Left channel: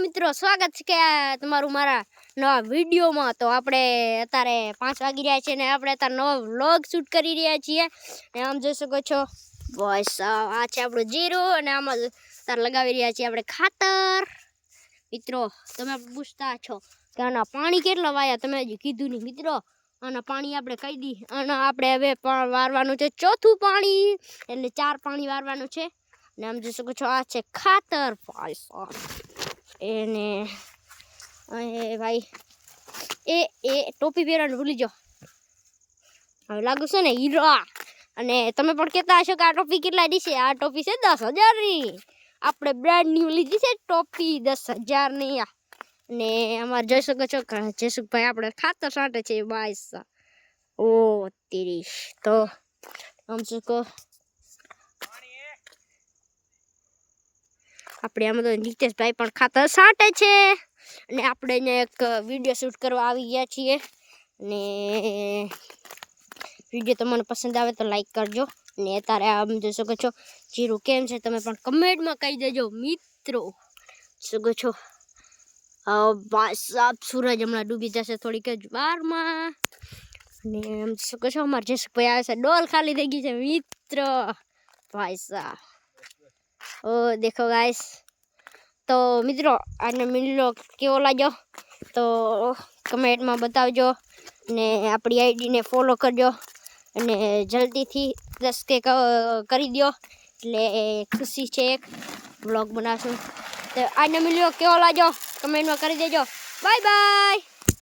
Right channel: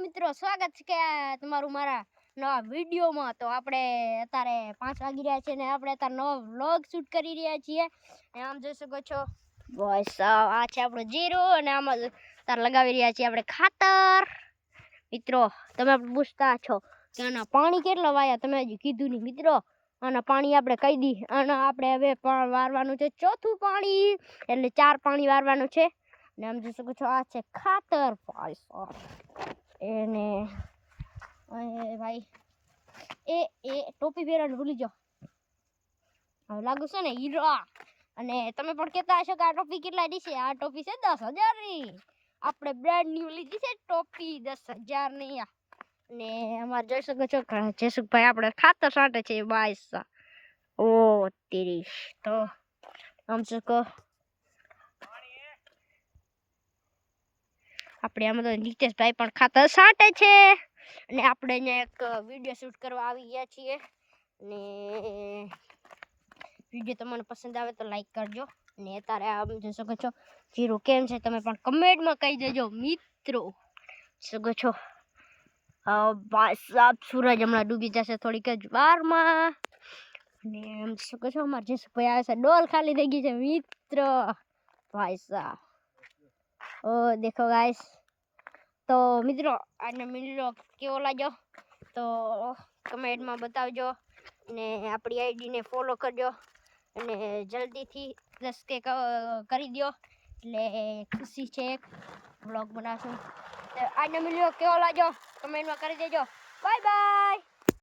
મિત્રો સ્વાગત છે કે તમારું મારા નવા વિડીયોમાં। તો આપણે અત્યારે 5 વાગી રહ્યા છે ને આપણે અત્યારે નવો વ્લોગ શૂટ કરી રહ્યા છીએ અને આમ જોઈ શકો છો બસ આ છે આપણો જીરો અને આમાં અત્યારે લગાવી રહ્યા છીએ આપણે ખાતર। મિત્રો તમે પૂછતા છો કે આના પાણી કેટલા વાયા, તમે હજી કીધું નહીં મિત્રો। આના પાણી આપણે કહી દી અને આપણે હવે વારવાનું છે ચોથું પાણી, એટલે 4 પાણી વારવાનું છે ને આમ જોઈ શકો છો આ છે ખાતર ભાઈ સાહેબ। એને ભાઈ એ ટોપી પહેરવાનું ભૂલી જાઓ, હવે લાગુ છે ને હીરા। અને તમે પણ કહેતા હશો કે આ ટોપી કેટલાની છે? આ ટોપી છે 10,000ની, આપણે બ્રાન્ડ ન્યુ લીધી છે ટોપી 10,000ની। ને અમારે જોઈ શકો છો જયસુખભાઈ આપણે ખાતર છાંટે છે ભાઈ સાહેબ। ઓ તેરી તો આમ શકો આપણે આમાં તો નીતેશભાઈ પણ ખાતર છાંટે છે અને આપણે અહીંયા એક વિડીયો શૂટ કરવા આવી ગયા છીએ ને વિડીયો તમને પસંદ આવે તો લાઈક કરજો ને અત્યારે આમ જોઈ શકો છો જીરો કેમ છે તમે પણ કમેન્ટમાં કહી દેજો મિત્રો। શકો છો ભાઈ સાહેબ સૂરજ હમણાં ડૂબી જશે થોડીક જ વારમાં ને આમ શકો છો અમારે જયસુખભાઈ આવે છે, ડોલ ખાલી થઈ ગઈ છે મિત્રો ભાઈ સાહેબ। ઓ દેખો ગાઈસ, તો મિત્રો આને મિલો કેવો લાગ્યો તો કમેન્ટમાં બતાવજો ને આપણી આઈડીને ફોલો કરજો અને જલ્દીથી 10K કરી દો એટલે ખુશી છે, એક વ્લોગ બનાવશું। તો આને મિલ્યો કેવો લાગ્યો કમેન્ટમાં કરી દેજો। Bye bye.